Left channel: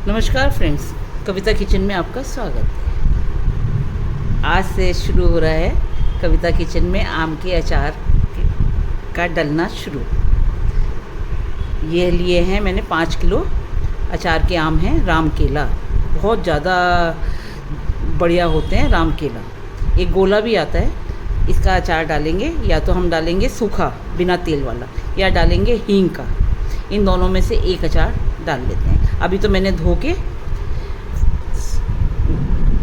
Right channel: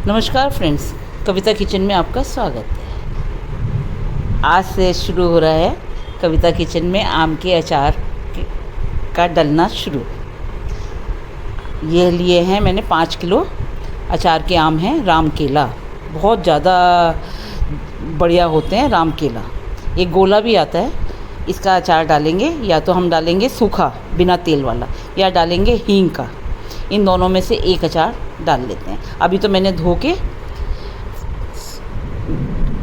नमस्कार फ्रेंड्स, कविता किचन में आपका स्वागत है। आज से शुरू हो रहा है कविता किचन में आम के अचार का डलना शुरू। ये लिए हैं मैंने 5 किलो अचार के आम हैं राम केला। बहुत ज़्यादा बढ़िया होते हैं राम केला। एक गोला भी आता है, इसका अचार डालेंगे। या तो हम डालेंगे सूखा बिना तेल वाला, या डालेंगे हींग का। इन दोनों में से एक अचार डाल लेते हैं। अभी तो मैंने धो के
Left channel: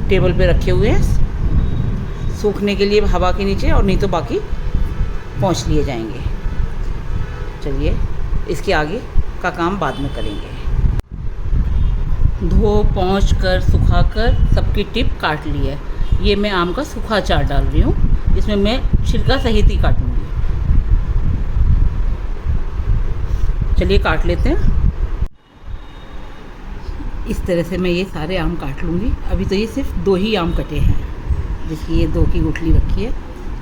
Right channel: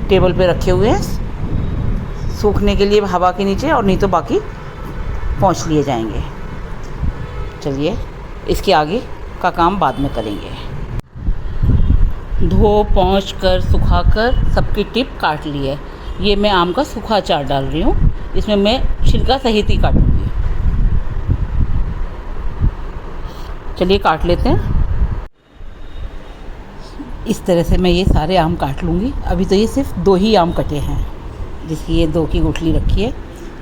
टेबल पे रखे हुए हैं सूखने के लिए हवा के नीचे, और नहीं तो बाकी पोंछ लिए जाएंगे। चलिए इसके आगे का काम बाद में करेंगे। धो पोंछ कर सुखा कर सबकी टिप काट ली है। ये मैं आम का सूखा अचार डाल रही हूँ। इसमें मैं छिलका सहित ही काटूंगी। चलिए काट लेते हैं। इस तरह से मैं ये सारे आम काट लूँगी। अभी तो ये सिर्फ 2 ही आम कटे हैं, जिसकी ये 2 की गुठली रखी है।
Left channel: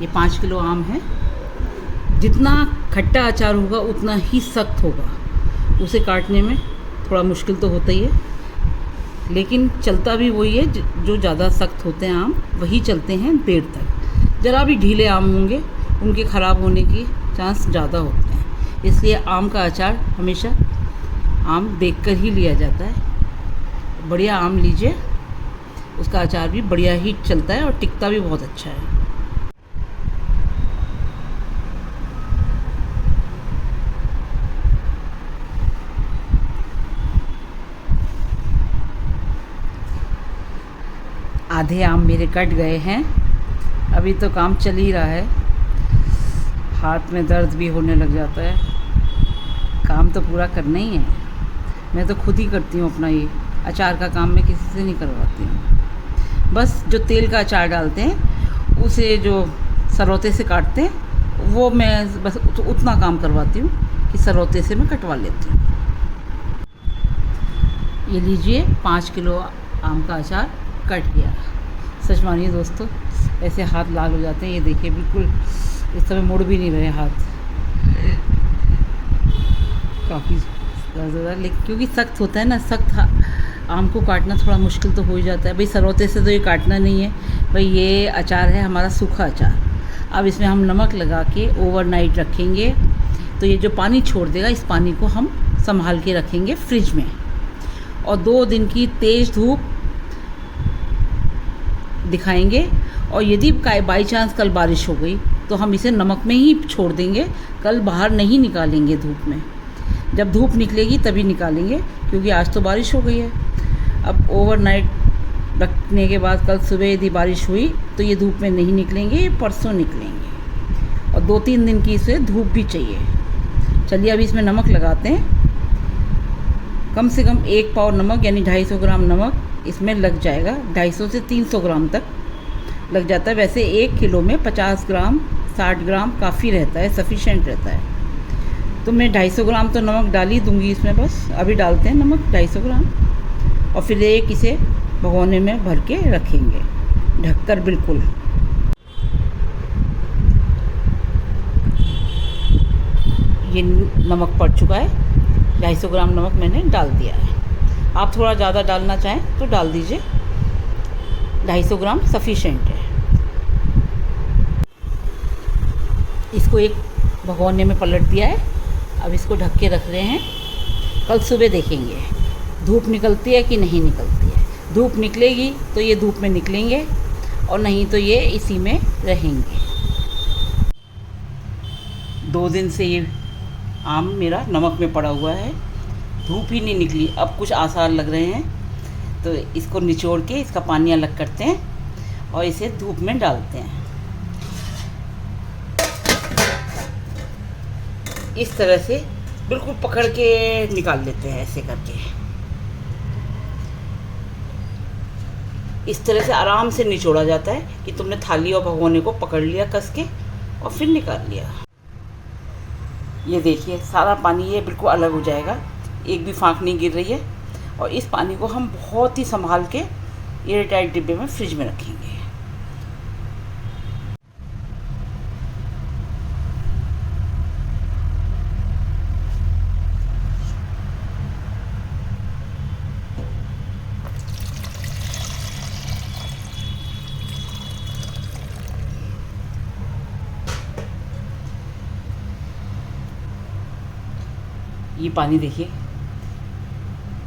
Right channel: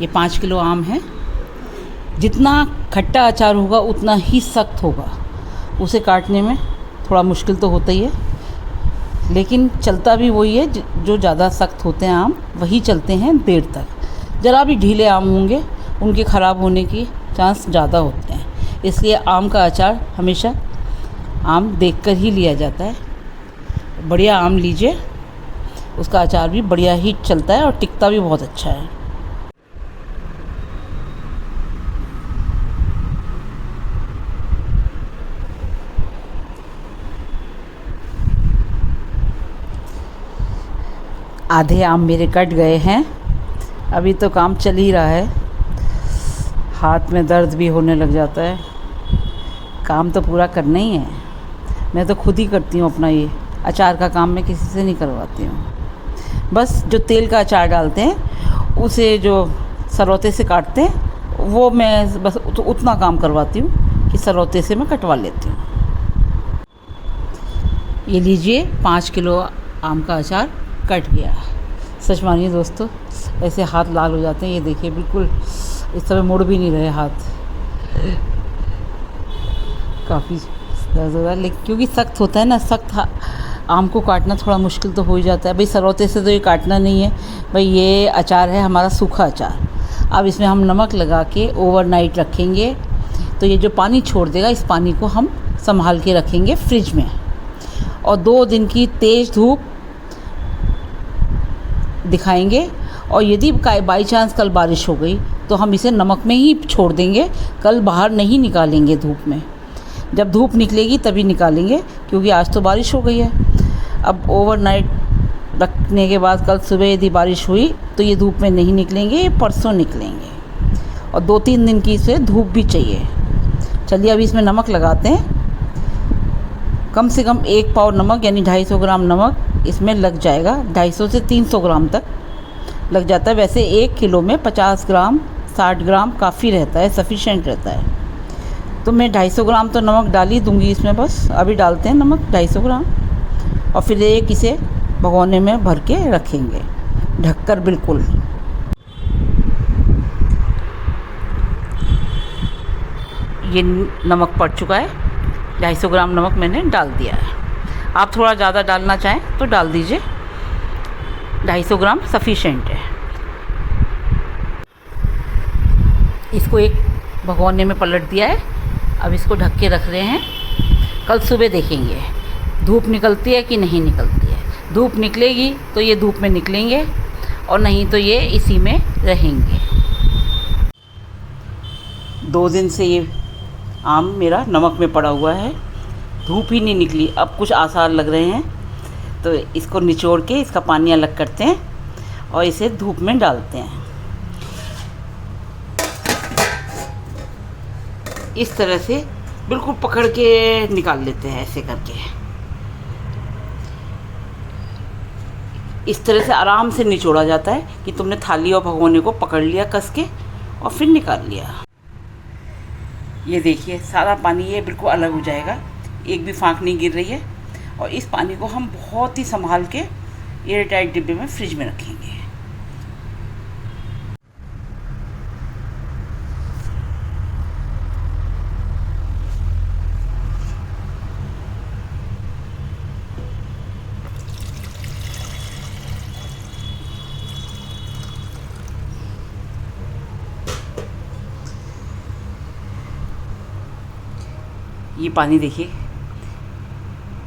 ये 5 किलो आम है। जितना खट्टा अचार होगा उतना ही सख्त होगा। उसे काटने में थोड़ा मुश्किल तो होता ही है, लेकिन चलता भी वही है। जो ज़्यादा सख्त होते हैं आम वही चलते हैं देर तक। ज़रा भी ढीले आम होंगे उनके ख़राब होने की चांस ज़्यादा होते हैं। इसलिए आम का अचार हमेशा आम देखकर ही लिया जाता है। बढ़िया आम लीजिए, उसका अचार भी बढ़िया ही चलता है और टिकता भी बहुत अच्छा है। आधे आम मेरे कट गए हैं। अभी तो काम चल ही रहा है। हाथ में दर्द भी होने लग जाता है। काम तो पूरा करना ही है। मैं तो खुद ही करती हूँ अपना ये अचार का काम। मैं किसी से नहीं करवाती हूँ। बस जो तेल का अचार डालते हैं उसे जो सरौते से काटते हैं वो मैं बस उतना काम करवाती हूँ कि सरौते से मैं कटवा लेती हूँ। ये लीजिए 5 किलो आम का अचार कट गया। सच मानिए दोस्तों, ऐसे हाथ लाल हो जाते हैं। ये देखिए बिल्कुल इस समय मुड़ भी नहीं रहे हाथ। काफ़ी ज़्यादा, लेकिन क्योंकि सख्त होता है ना, सख्त आम को काटना थोड़ा मुश्किल तो हो ही जाता है। भाई सरौते से तो ये काटना नहीं है। भाई ये अचार है हमारा सूखा अचार। अब इसमें हम नमक लगा के ओवरनाइट रखेंगे, तो ये जो पानी छोड़ देगा इस पानी को हम संभाल के रखेंगे फ्रिज में। और 2 दिन की तेज़ धूप दिखाएंगे। और यदि बाई चांस कल बारिश हो गई तो हम इसे नमक में ही छोड़ देंगे। कल बाहर नहीं निकालेंगे धूप में। जब धूप निकलेगी तभी निकालेंगे, क्योंकि आज तो बारिश हो गई है। अब ओवरनाइट रखने के बाद कल सुबह यदि बारिश हुई तो ये धूप में नहीं निकलेंगे, ये परसों निकलेंगे। और 2-3 दिन की इसे धूप भी चाहिए। चलिए अभी इसमें नमक लगाते हैं। कम से कम 1 पाव नमक यानी 250 ग्राम नमक इसमें लग जाएगा। 250 से 300 ग्राम तक लग जाता है। वैसे 1 किलो में 50 ग्राम 60 ग्राम काफ़ी रहता है, सफिशेंट रहता है। तो मैं 250 ग्राम तो नमक डाल ही दूँगी इसमें। बस अभी डालते हैं नमक 250 ग्राम, और फिर एक इसे भगोने में भर के रखेंगे ढककर बिल्कुल। ये नमक पड़ चुका है। 250 ग्राम नमक मैंने डाल दिया है। आप थोड़ा ज़्यादा डालना चाहें तो डाल दीजिए। 250 ग्राम सफिशेंट है। इसको एक भगोने में पलट दिया है। अब इसको ढक के रख रहे हैं। कल सुबह देखेंगे धूप निकलती है कि नहीं निकलती है। धूप निकलेगी तो ये धूप में निकलेंगे, और नहीं तो ये इसी में रहेंगे। 2 दिन से ये आम मेरा नमक में पड़ा हुआ है, धूप ही नहीं निकली। अब कुछ आसार लग रहे हैं, तो इसको निचोड़ के इसका पानी अलग करते हैं और इसे धूप में डालते हैं। इस तरह से बिल्कुल पकड़ के निकाल लेते हैं, ऐसे करके। इस तरह से आराम से निचोड़ा जाता है कि तुमने थाली और भगोने को पकड़ लिया कस के और फिर निकाल लिया। ये देखिए सारा पानी ये बिल्कुल अलग हो जाएगा। एक भी फाँक नहीं गिर रही है। और इस पानी को हम बहुत ही संभाल के एयर टाइट डिब्बे में फ्रिज में रखेंगे। ये पानी देखिए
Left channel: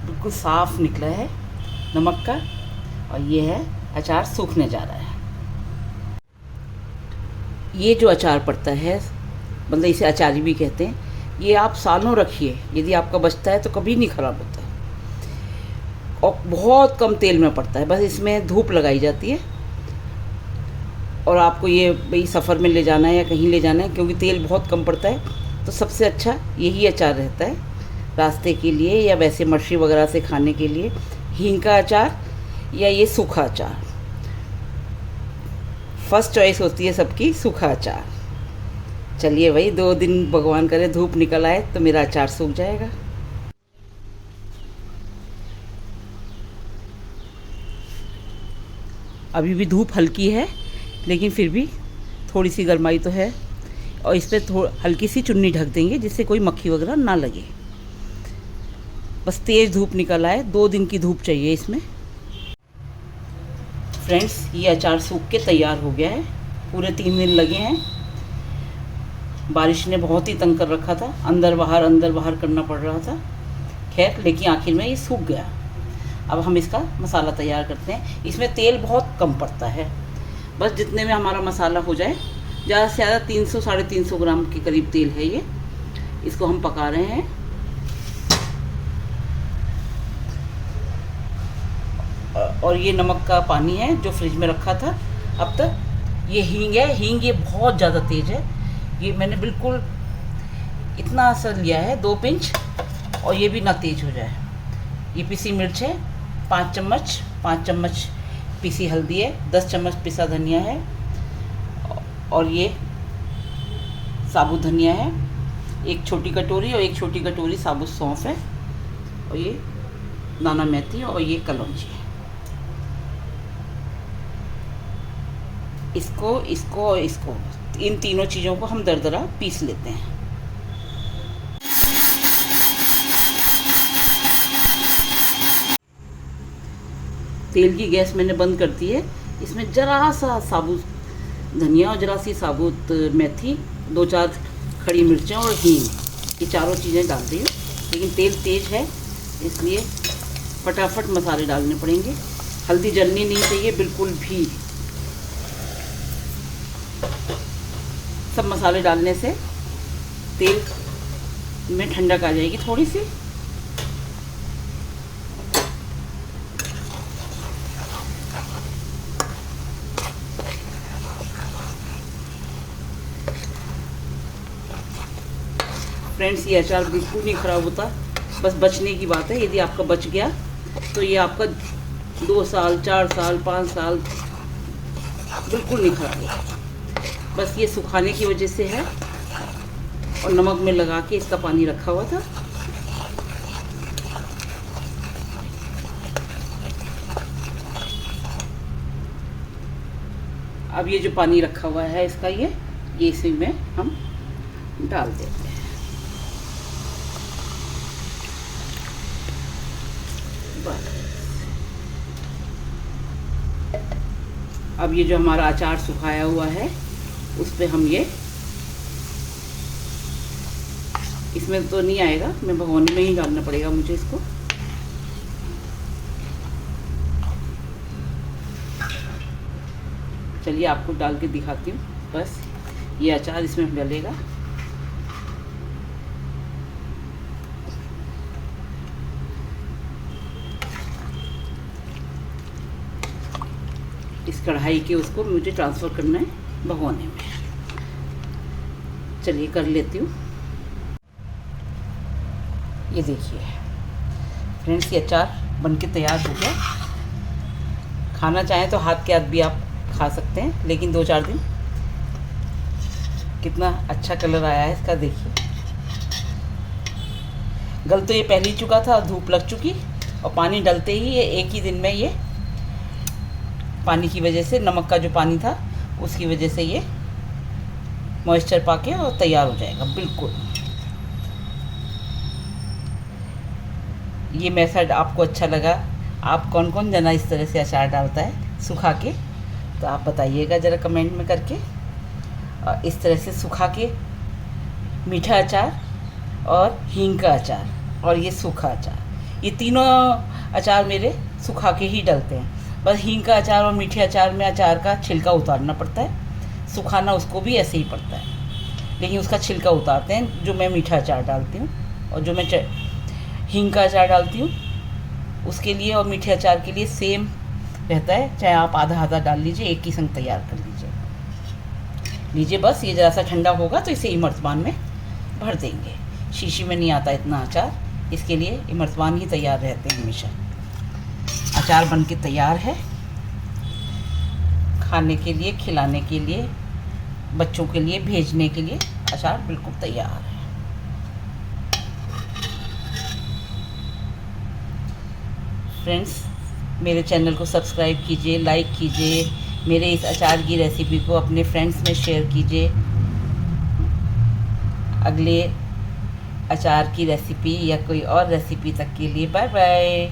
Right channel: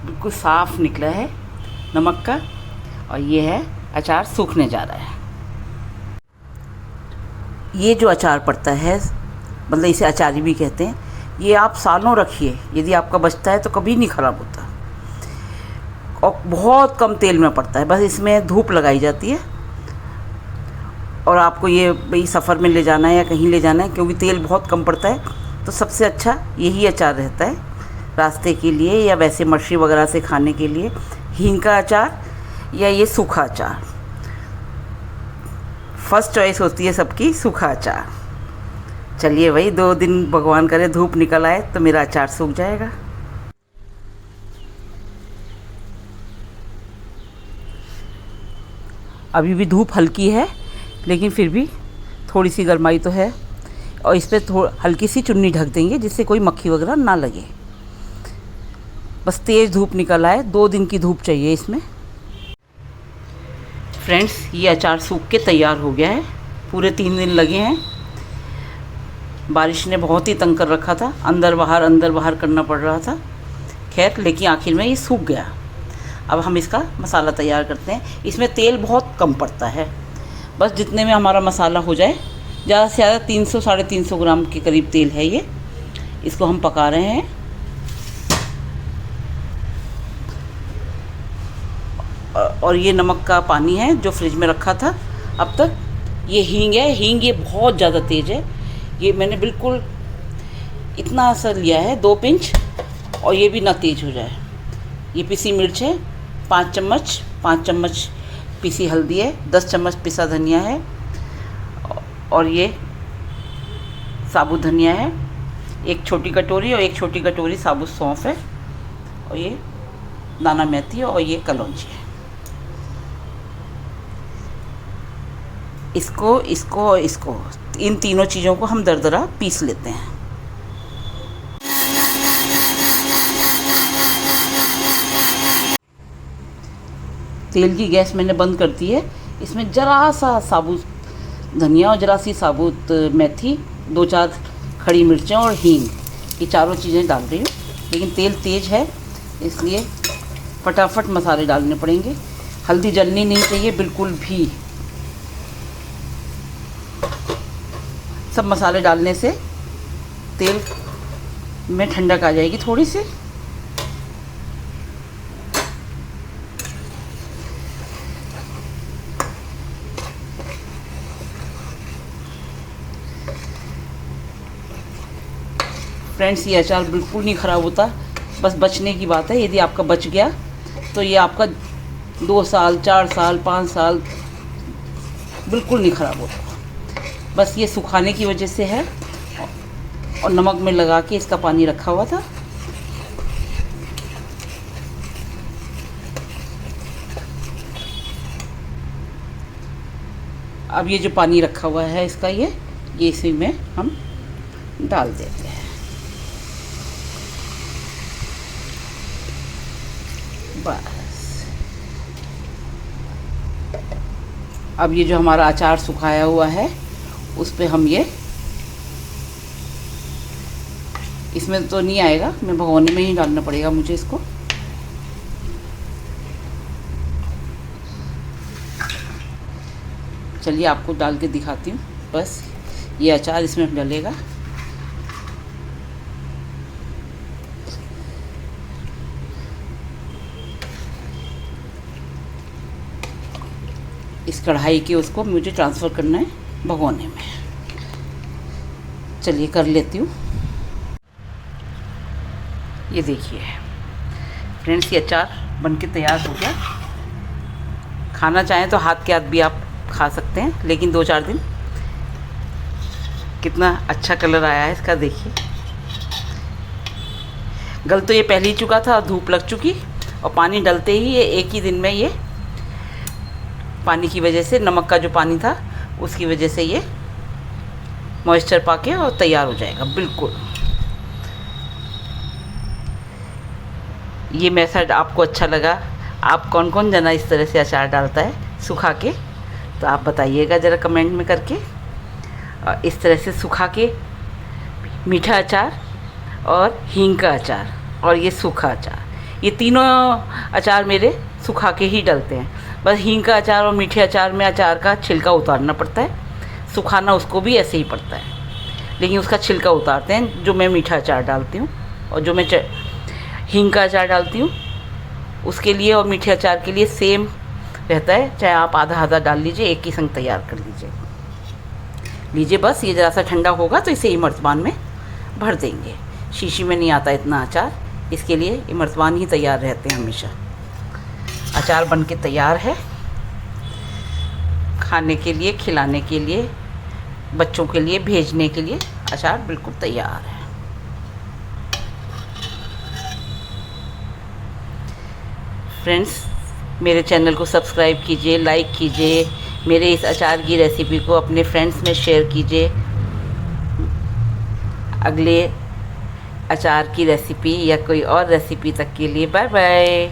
बिल्कुल साफ़ निकला है नमक का, और ये है अचार सूखने जा रहा है। ये जो अचार पड़ता है, मतलब इसे अचारी भी कहते हैं, ये आप सालों रखिए, यदि आपका बचता है तो कभी नहीं ख़राब होता, और बहुत कम तेल में पड़ता है। बस इसमें धूप लगाई जाती है, और आपको ये भाई सफ़र में ले जाना है या कहीं ले जाना है, क्योंकि तेल बहुत कम पड़ता है, तो सबसे अच्छा यही अचार रहता है रास्ते के लिए, या वैसे मछली वगैरह से खाने के लिए हींग का अचार या ये सूखा अचार। फर्स्ट चॉइस होती है सबकी सूखा अचार। चलिए भाई, 2 दिन भगवान करे धूप निकल आए तो मेरा अचार सूख जाएगा। अभी भी धूप हल्की है, लेकिन फिर भी थोड़ी सी गर्माई तो है, और इस पर हल्की सी चुन्नी ढक देंगे जिससे कोई मक्खी वगैरह ना लगे। बस तेज़ धूप निकल आए, 2 दिन की धूप चाहिए इसमें। फ्रेंड्स, ये अचार सूख के तैयार हो गया है। पूरे 3 दिन लगे हैं। बारिश ने बहुत ही तंग कर रखा था, अंदर बाहर करना पड़ रहा था। खैर, लेकिन आखिर में ये सूख गया। अब हम इसका मसाला तैयार करते हैं। इसमें तेल बहुत कम पड़ता है, बस जितने में हमारा मसाला हो जाए। ज़्यादा से ज़्यादा 300 साढ़े 300 ग्राम के करीब तेल है ये। इसको हम पका रहे हैं। और ये नमक का पानी है जो फ्रिज में रखा था अब तक। ये हींग है, हींग ये बहुत ज़्यादा तेज़ है। ये मैंने बिल्कुल इतना असर लिया है, 2 पिंच, और ये भी ना तेज़ हो जाए। ये पिसी मिर्च है 5 चम्मच, 5 चम्मच पिसी हल्दी है, 10 चम्मच पिसा धनिया है, और ये साबुत धनिया है 1 छोटी कटोरी, और 1 छोटी कटोरी साबुत सौंफ है, और ये दाना मेथी, और ये कलौंजी है। इसको इन तीनों चीज़ों को हम दरदरा पीस लेते हैं। तेल की गैस मैंने बंद कर दी है। इसमें ज़रा सा साबुत धनिया और ज़रा सी साबुत मेथी, 2-4 खड़ी मिर्चें और हींग, ये चारों चीज़ें डाल रही हूँ। लेकिन तेल तेज़ है, इसलिए फटाफट मसाले डालने पड़ेंगे। हल्दी जलनी नहीं चाहिए बिल्कुल भी। सब मसाले डालने से तेल में ठंडक आ जाएगी थोड़ी सी। फ्रेंड्स, ये अचार बिल्कुल नहीं ख़राब होता, बस बचने की बात है। यदि आपका बच गया तो ये आपका 2 साल 4 साल 5 साल बिल्कुल नहीं ख़राब होता। बस ये सुखाने की वजह से है, और नमक में लगा के इसका पानी रखा हुआ था। अब ये जो पानी रखा हुआ है इसका, ये इसी में हम डाल देते हैं। बस अब ये जो हमारा अचार सुखाया हुआ है उस पे हम ये, इसमें तो नहीं आएगा, मैं भगोने में ही डालना पड़ेगा मुझे इसको। चलिए आपको डाल के दिखाती हूँ। बस ये अचार इसमें डलेगा। इस कढ़ाई के उसको मुझे ट्रांसफ़र करना है भगोने में। चलिए कर लेती हूँ। ये देखिए फ्रेंड्स, ये अचार बनके तैयार हो गया। खाना चाहें तो हाथ के हाथ भी आप खा सकते हैं, लेकिन 2-4 दिन। कितना अच्छा कलर आया है इसका, देखिए। गल तो ये पहले ही चुका था, धूप लग चुकी, और पानी डलते ही ये एक ही दिन में ये पानी की वजह से, नमक का जो पानी था उसकी वजह से ये मॉइस्चर पाके और तैयार हो जाएगा बिल्कुल। ये मेथड आपको अच्छा लगा? आप कौन कौन जना इस तरह से अचार डालता है सुखा के, तो आप बताइएगा ज़रा कमेंट में करके। इस तरह से सुखा के मीठा अचार और हींग का अचार और ये सूखा अचार। ये तीनों अचार मेरे सुखा के ही डलते हैं। बस हींग का अचार और मीठे अचार में अचार का छिलका उतारना पड़ता है, सुखाना उसको भी ऐसे ही पड़ता है, लेकिन उसका छिलका उतारते हैं जो मैं मीठा अचार डालती हूँ। और जो मैं हींग का अचार डालती हूँ उसके लिए और मीठे अचार के लिए सेम रहता है, चाहे आप आधा आधा डाल लीजिए, एक ही संग तैयार कर लीजिए। बस ये ज़रा सा ठंडा होगा तो इसे इमरतबान में भर देंगे। शीशी में नहीं आता इतना अचार, इसके लिए इमरतबान ही तैयार रहते हैं हमेशा। अचार बन के तैयार है, खाने के लिए, खिलाने के लिए, बच्चों के लिए भेजने के लिए अचार बिल्कुल तैयार है। फ्रेंड्स, मेरे चैनल को सब्सक्राइब कीजिए, लाइक कीजिए, मेरे इस अचार की रेसिपी को अपने फ्रेंड्स में शेयर कीजिए। अगले अचार की रेसिपी या कोई और रेसिपी तक के लिए बाय बाय।